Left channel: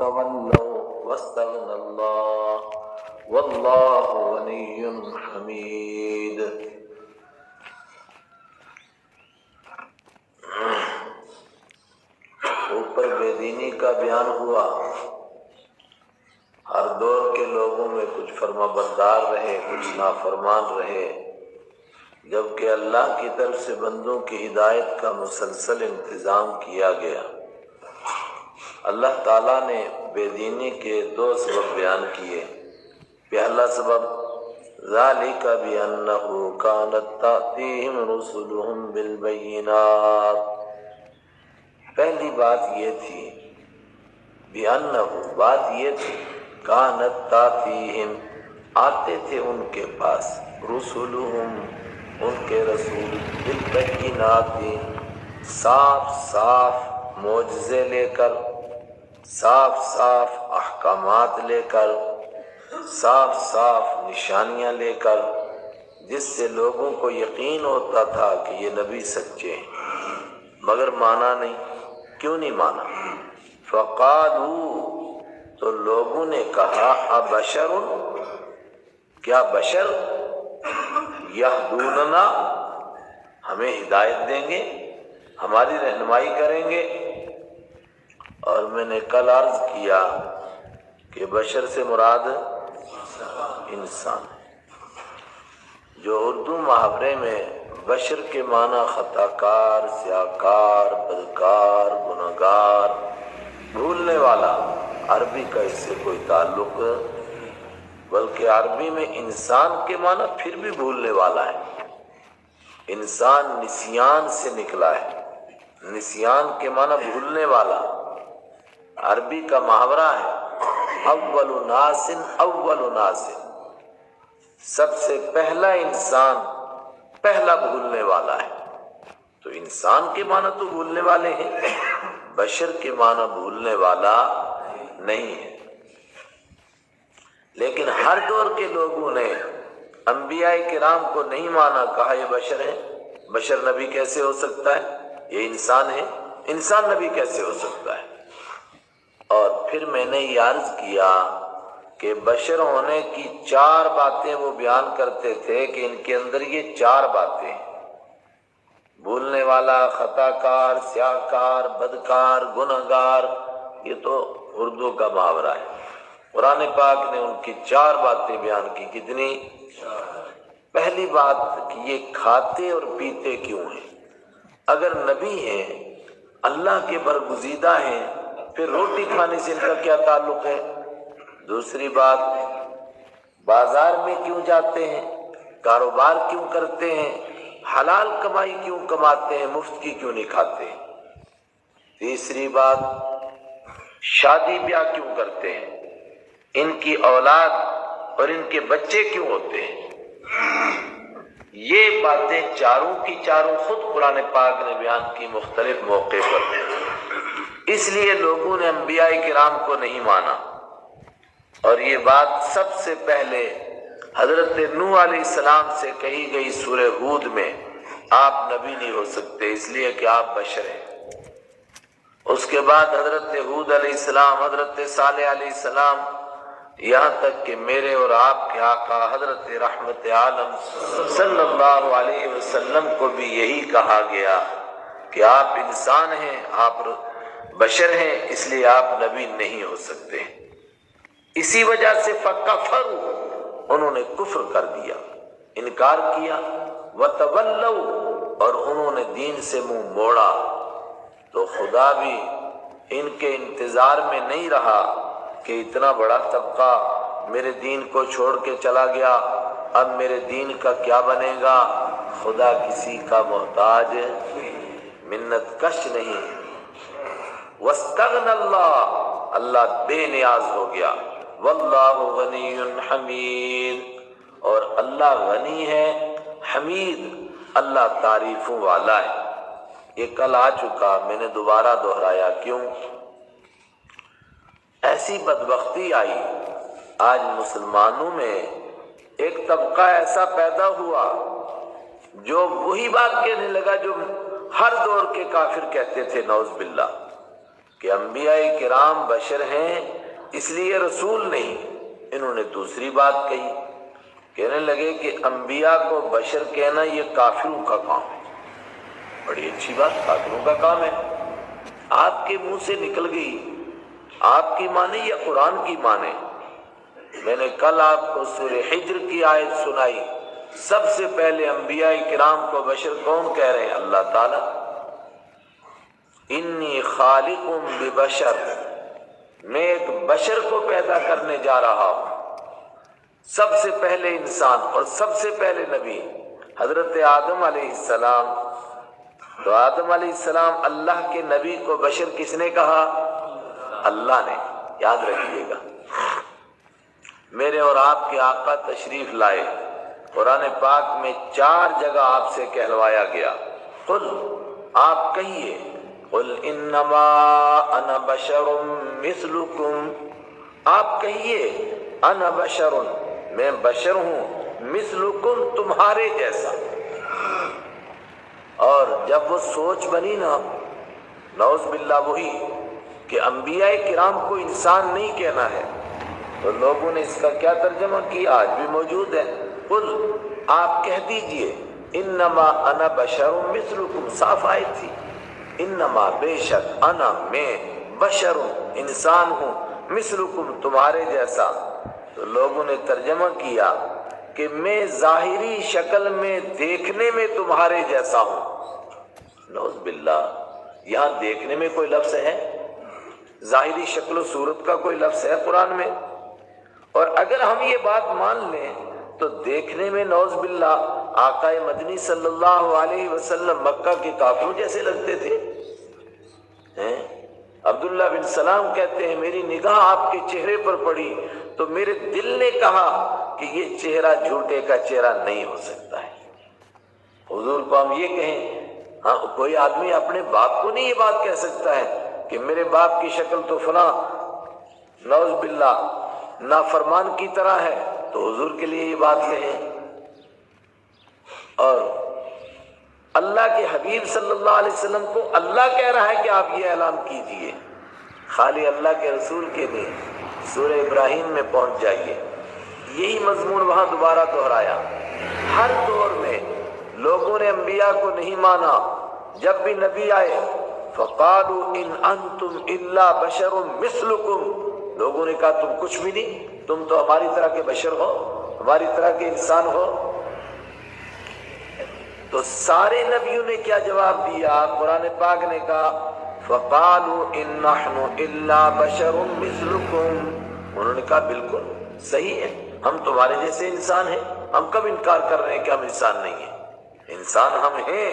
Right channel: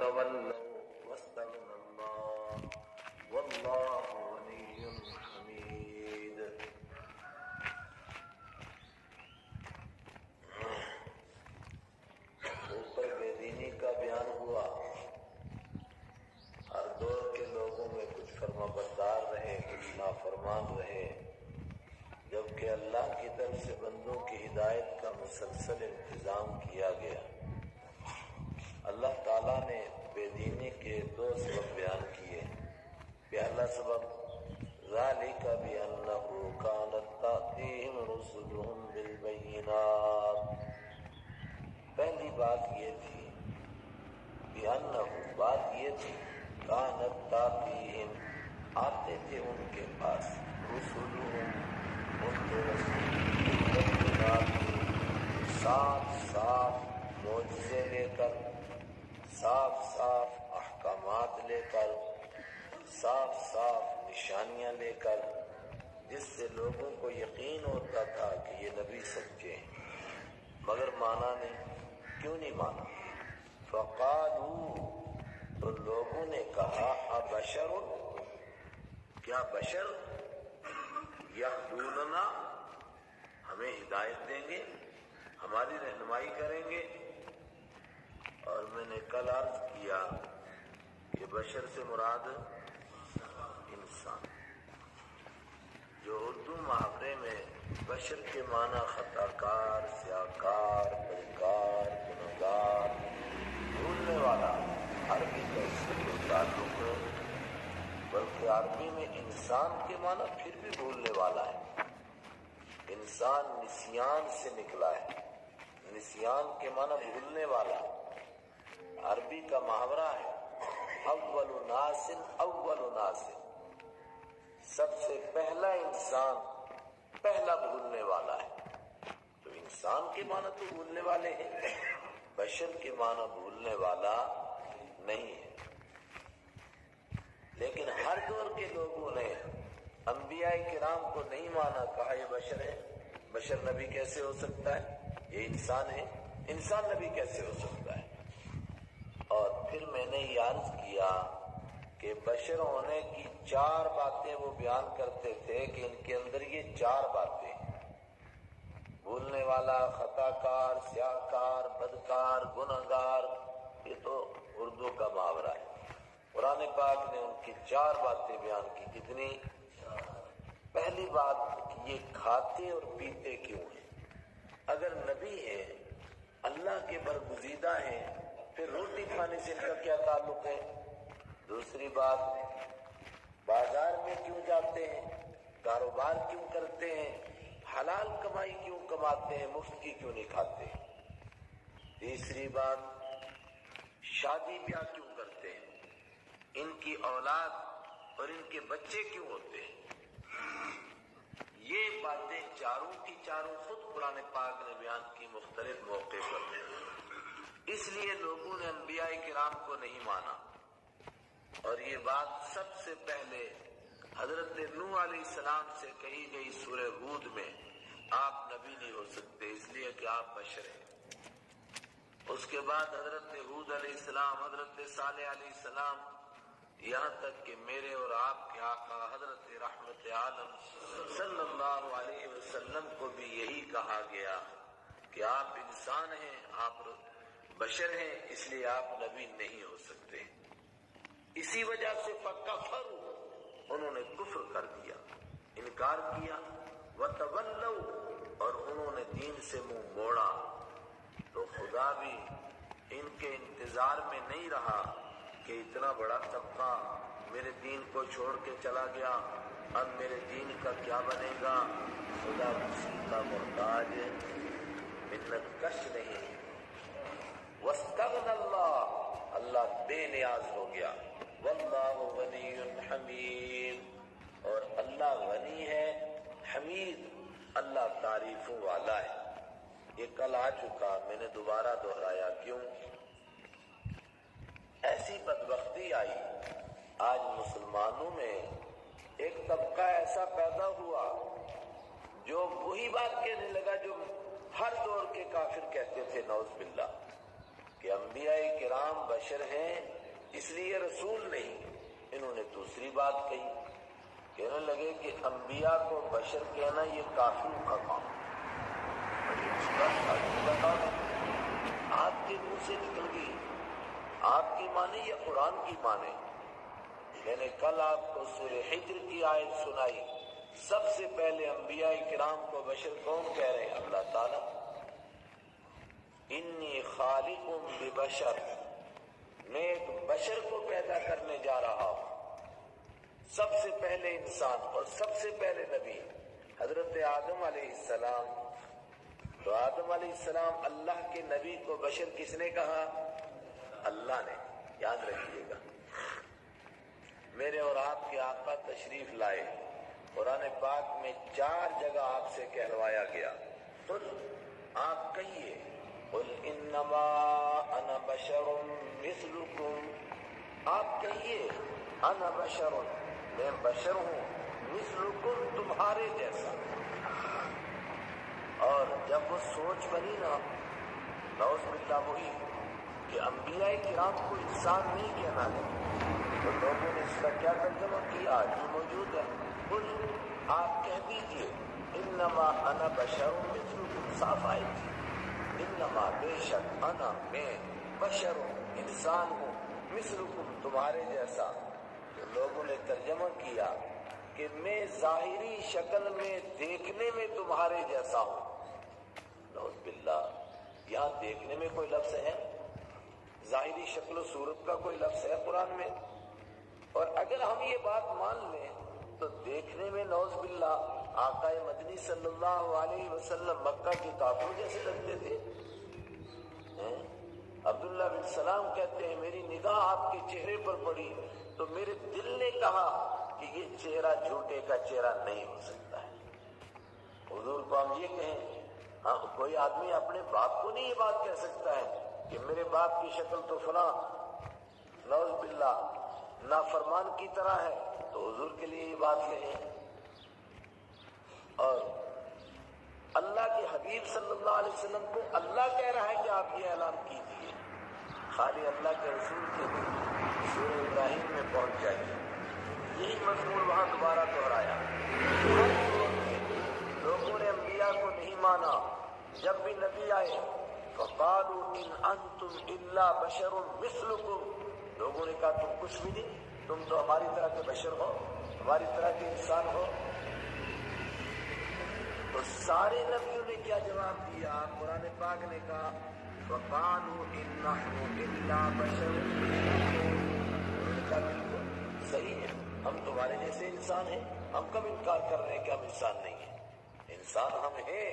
وتولوا واستغنى الله والله غني حميد۔ اوپر بے دینی کا بیان ہوا، ہر دور کے لوگوں میں کچھ فرما بردار رہے، کچھ نافرمان رہے، جبکہ اللہ کی طرف سے بندوں کی ہدایت کا مسلسل انتظام کیا گیا۔ اللہ تعالیٰ نے بے دینی کے دو سبب بیان کیے۔ پہلا سبب ذالک بأنہ کانت تأتیہم رسلہم بالبینات، پہلی بات یہ تھی، بأنہ بات یہ تھی، کانت تأتیہم آتے تھے ان کے پاس، رسلہم ان کے رسول، بالبینات صاف صاف معجزے لے کر، صاف صاف احکامات لے کر، صاف صاف نشانیاں لے کر، جس سے لوگوں کو یقین ہوتا تھا کہ یہ نبی سچے ہیں، مگر مانا نہیں۔ کیوں نہیں مانا؟ فقالوا، تو لوگوں نے کہا، ابشر، کیا بشر، یہدوننا، ہمیں ہدایت دیں گے، ہماری رہنمائی کریں گے؟ اور میں نے کل عرض کیا کہ بشر سے مراد انسان، جو اردو محاورے میں بشر کے معنی خطا کار، سیاہکار، بدکار، گنہگار، بھولنے والا، عربی کا اس سے کوئی تعلق، بلکہ عربی میں انسان کے معنی پھر بھی بھولنے والا ہے۔ انسان نسیان سے نکلا ہے، نسیان کے معنی بھولنے والا، عربی کا محاورہ ہے اول ناس، اول ناس، سب سے پہلا انسان پہلا بھولنے والا ہے۔ تو انسان کے معنی تو بھولنے والے ہیں، بشر کے معنی بھولنے والا نہیں ہے۔ لیکن ہر دور کے لوگوں نے انبیاء کرام کو نہیں مانا، کہا یہ بشر ہے، بشر نبی کیسے ہو سکتا ہے؟ یہ انسان ہے، انسان نبی کیسے ہو سکتا ہے؟ اور پھر میں نے یہ عرض کیا کہ بشر ہونے کی چار باتیں وہ بیان کرتے تھے کہ ان کے اندر یہ چار باتیں، بھولنے والا، خطا کار، سیاہ کار، بدکار، گنہگار، یہ تو اردو کا محاورہ ہے۔ قرآن پاک نے ان کی چار باتیں بیان کی۔ کتنی؟ پہلی بات کہ یہ کھاتے اور پیتے کیوں ہیں؟ اگر نبی ہیں، اللہ کے برگزیدہ ہیں، پھر روٹی کھانے سے ان کا کیا تعلق ہے؟ دوسری بات، بازار میں کیوں جاتے ہیں، کاروبار کیوں کرتے ہیں، حلال کمائی کیوں کماتے ہیں، مفت کی کیوں نہیں کھاتے؟ تیسری بات، شادی بیاہ کیوں کرتے ہیں، ان کی اولاد اور ان کے بچے کیوں ہوتے ہیں؟ یہ باتیں چاروں کی چاروں خود قرآن پاک نے بیان کی مختلف موقع پر، اس لیے لوگوں نے انبیاء کرام کو نہیں مانا۔ اور یہ بات سب سے پہلے حضرت نوح علیہ السلام سے کہی گئی سورہ ہود میں، آپ نبی نہیں ہو سکتے اس لیے کہ آپ بشر ہیں۔ اس کے بعد حضرت ہود علیہ السلام، حضرت صالح علیہ السلام، یہاں تک کہ میرے اور آپ کے آقا حضرت رحمت عالم صلی اللہ علیہ وسلم کو بھی یہی کہا گیا کہ آپ انسان ہیں، آپ بشر ہیں، اس لیے آپ نبی نہیں ہو سکتے۔ اسی وجہ سے فکفروا، انہوں نے کفر کر دیا، انکار کیا، وتولوا، اور انہوں نے دین سے منہ موڑا۔ تو خدا بھی ان کے انتظار میں نہیں رہا کہ اتنا بڑا طبقہ میرے دین کو چھوڑ کے چلا گیا، اب میرے دین کا کیا بنے گا؟ خدا کسی کا محتاج، منت کش نہیں۔ واستغنى اللہ، اللہ بے نیاز ہو گیا۔ واللہ غنی حمید، اور اللہ غنی ہے، حمید، اللہ تعریفوں والا ہے۔ یہ کل آ چکا، میں نے دوبارہ دہرایا، کیوں؟ ایسی بدبختی آئی آج مسلمانوں میں، ایک طبقہ ایسا پیدا ہوا جو وہی بات کہنے لگا جو ہر دور کے کافر کہتے تھے، نعوذ باللہ، کہ انبیاء کرام بشر ہیں اس لیے رسول نہیں۔ انہوں نے دوسری بات کہی، کہنے لگے کہ انبیاء کو بشر کہنا یہ کافروں کا کام ہے۔ بڑی اچھی بات، کافروں کا کام ہے، آپ کے منہ سے نکل گئی، آپ کی مانے یا قرآن کی مانے؟ میں نے کل آپ کو سورہ حجر کی آیت سنائی، سب سے پہلے انبیاء کرام کو بشر کون کہہ رہے ہیں؟ اللہ تعالیٰ۔ انی خالق ببشر، میں ایک بشر کو پیدا کرنے جا رہا ہوں۔ سب سے پہلے انسان اور سب سے پہلے نبی حضرت آدم علیہ السلام۔ تو آدم علیہ السلام اللہ کے نبی کو بشر کس نے کہا؟ اللہ نے۔ یاد رکھیے گا، میرے اور آپ کے آقا تشریف لائے، قرآن پاک میں 4 جگہ آپ سے کہلوایا گیا، قل، آپ کہیے، قل انما انا بشر مثلکم، آپ کہیے انا بشر، میں بشر ہوں، مثلکم، تمہارے جیسا۔ اور جب وہ سوچ بنی نا، نعوذ باللہ، وہی کہ انبیاء کرام کو انسان نہیں کہنا ہے، تو لوگوں نے اس کا کیا ترجمہ کیا؟ آج بھی موجود ہے، قل، آپ کہہ دیجئے، انما انا بشر مثلکم، صاف آیت تھی، انما، بے شک، انا، میں، بشر، انسان ہوں، مثلکم، تمہارے جیسا۔ تو لوگوں نے ترجمہ کیا کہ میں ظاہری شکل میں دیکھنے میں تمہارے جیسا ہوں۔ نعوذ باللہ، یہاں دیکھنے میں کوئی لفظ ہے؟ ظاہری شکل و صورت کا کوئی لفظ ہے قرآن میں؟ اور اگر ہم یہ بات مان لیں تو دیکھنے میں نعوذ باللہ آقا مدنی صلی اللہ علیہ وسلم مکہ کے کافروں جیسے لگتے تھے۔ عبداللہ بن سلام کہتے ہیں میری نگاہ آپ کے چہرے پر پڑی تو میرے دل نے کہا کہ یہ چہرہ جھوٹے کا چہرہ نہیں ہو سکتا ہے۔ حضور کو ہم یہ کہیں، ہاں، کوئی آدمی اپنے باپ کو نہیں یہ بات کہہ سکتا ہے کہ میرے باپ کی شکل تو فلاں نعوذ باللہ نافرمان کی طرح ہے، تو حضور کے لیے یہ بات کہیں۔ اور اللہ کے حبیب صلی اللہ علیہ وسلم کو اللہ کہہ رہا ہے کہ آپ یہ اعلان کیجئے، خالی اللہ کے رسول کے نہیں، سورہ ابراہیم میں پہنچ جائیے، یہی مضمون وہاں دوبارہ دہرایا۔ ہر دور میں لوگوں نے انبیاء کو نہیں مانا، جب بھی نبی آئے فَقَالُوا إِنْ أَنْتُمْ إِلَّا بَشَرٌ مِثْلُكُمْ، لوگوں نے کہا تم کچھ بھی نہیں، تم تو ہماری طرح کے بشر ہو، ہماری طرح کے انسان ہو۔ تو سارے نبیوں نے کیا جواب دیا؟ قرآن پاک نے کہا فَقَالُوا إِن نَحْنُ إِلَّا بَشَرٌ مِثْلُكُمْ، انہوں نے کہا بالکل صحیح ہے، ہم تمہارے جیسے انسان ہیں، ہم کب انکار کر رہے ہیں کہ ہم انسان نہیں ہیں؟ انسان ہم ہیں،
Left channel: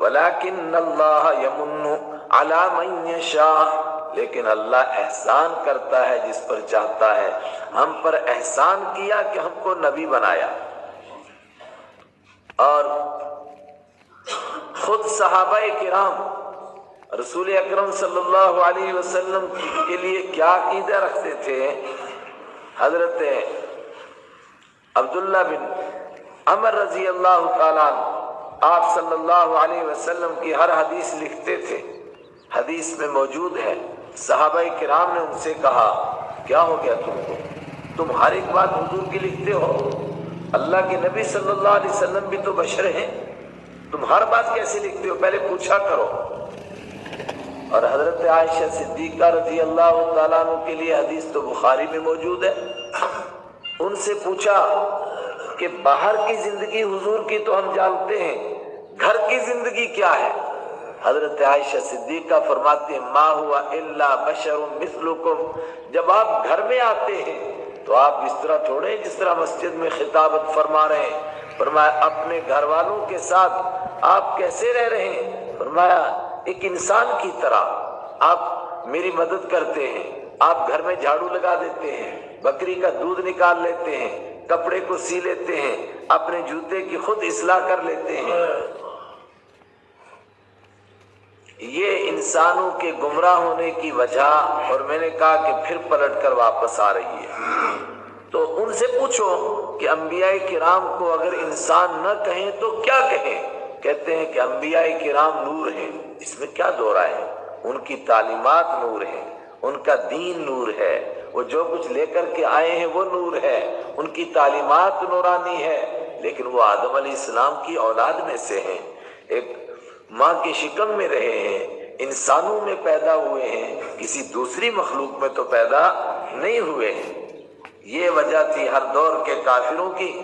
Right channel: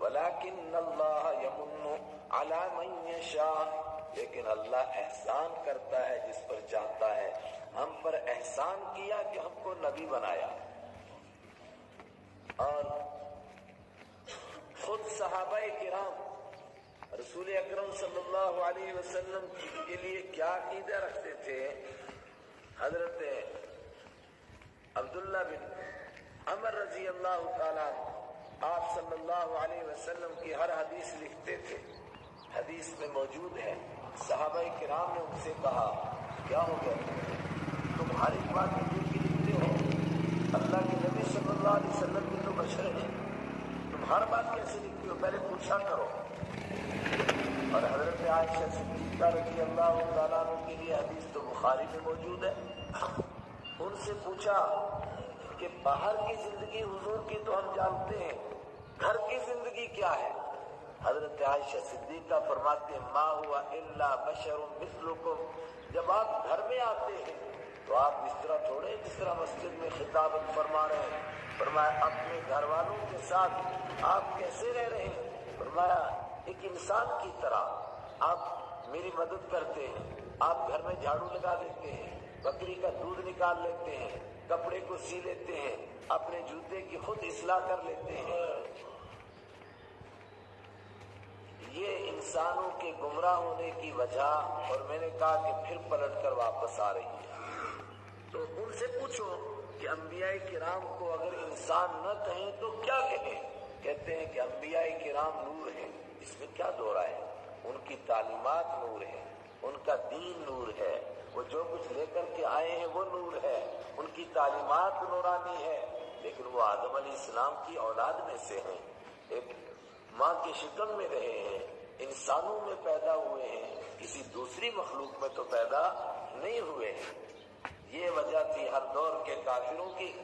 وَلَكِنَّ اللَّهَ يَمُنُّ عَلَى مَن يَشَاءُ، لیکن اللہ احسان کرتا ہے جس پر چاہتا ہے۔ ہم پر احسان کیا کہ ہم کو نبی بنایا، اور خود صحابہ کرام رسول اکرم صلی اللہ علیہ وسلم کے لیے کیا عقیدہ رکھتے تھے؟ حضرت عبداللہ بن عمر رضی اللہ تعالیٰ آپ صلی اللہ علیہ وسلم کی ہر حدیث لکھتے تھے، حدیث میں موجود ہے، صحابہ کرام نے ان سے کہا کیا ہو گیا تم کو، تم ہر ایک بات حضور کی لکھتے ہو، اللہ کے نبی صلی اللہ علیہ وسلم بھی تو بشر ہیں، تم ہر بات کیسے لکھتے ہو، پہلے پوچھا کرو۔ اور حضرت عائشہ صدیقہ رضی اللہ تعالیٰ عنہ کے لیے حدیث تو بخاری میں موجود ہے، ان سے پوچھا کہ باہر کی زندگی حضور کی تو ہم جانتے ہیں، گھر کی زندگی کیا ہے؟ حضرت عائشہ صدیقہ فرماتے ہیں ما ہوا الا بشر مثلکم، جب آپ گھر میں آتے ہیں تو آپ اس طرح تھوڑے جس طرح مسجد میں خطابت فرما رہے ہیں، فرمایا اپنے گھر والوں کے ساتھ آپ کیسے رہ رہے ہیں؟ فرمایا ایک انسان کی طرح آپ میری مدد کرتے ہیں، آپ گھر میں جھاڑو لگا دیتے ہیں، بکری کا دودھ نکال لیتے ہیں، کپڑے کو سی لیتے ہیں، اپنے جوتے کی خود اصلاح کر لیتے ہیں۔ یہ انسانوں کے گمراہ ہونے کی وجہ، اور میں نے کہا کہ پھر پلٹ کر واپس آ رہی ہے۔ تو ان سے پوچھو کہ انبیاء کرام کو اگر انسان نہ کہیں تو کیا کہیں؟ کہتے ہیں کہ انبیاء کرام نور ہیں، اس میں کیا دو رائے ہے؟ ان کی تعلیمات نور ہیں، ان کا دین نور ہے، وہ جو کچھ لے کر کے آئے ہیں وہ نور ہے، ان کی تعلیمات نورانی ہے، لیکن وہ آدم علیہ السلام کی اولاد میں سے ہیں، ایک ماں کی شکم میں رہے ہیں، انسانوں میں پیدا ہوئے ہیں، کسی دوسری مخلوق میں تو پیدا نہیں ہوئے ہیں۔ یہ وجہ تھی ہر دور کے کافروں کی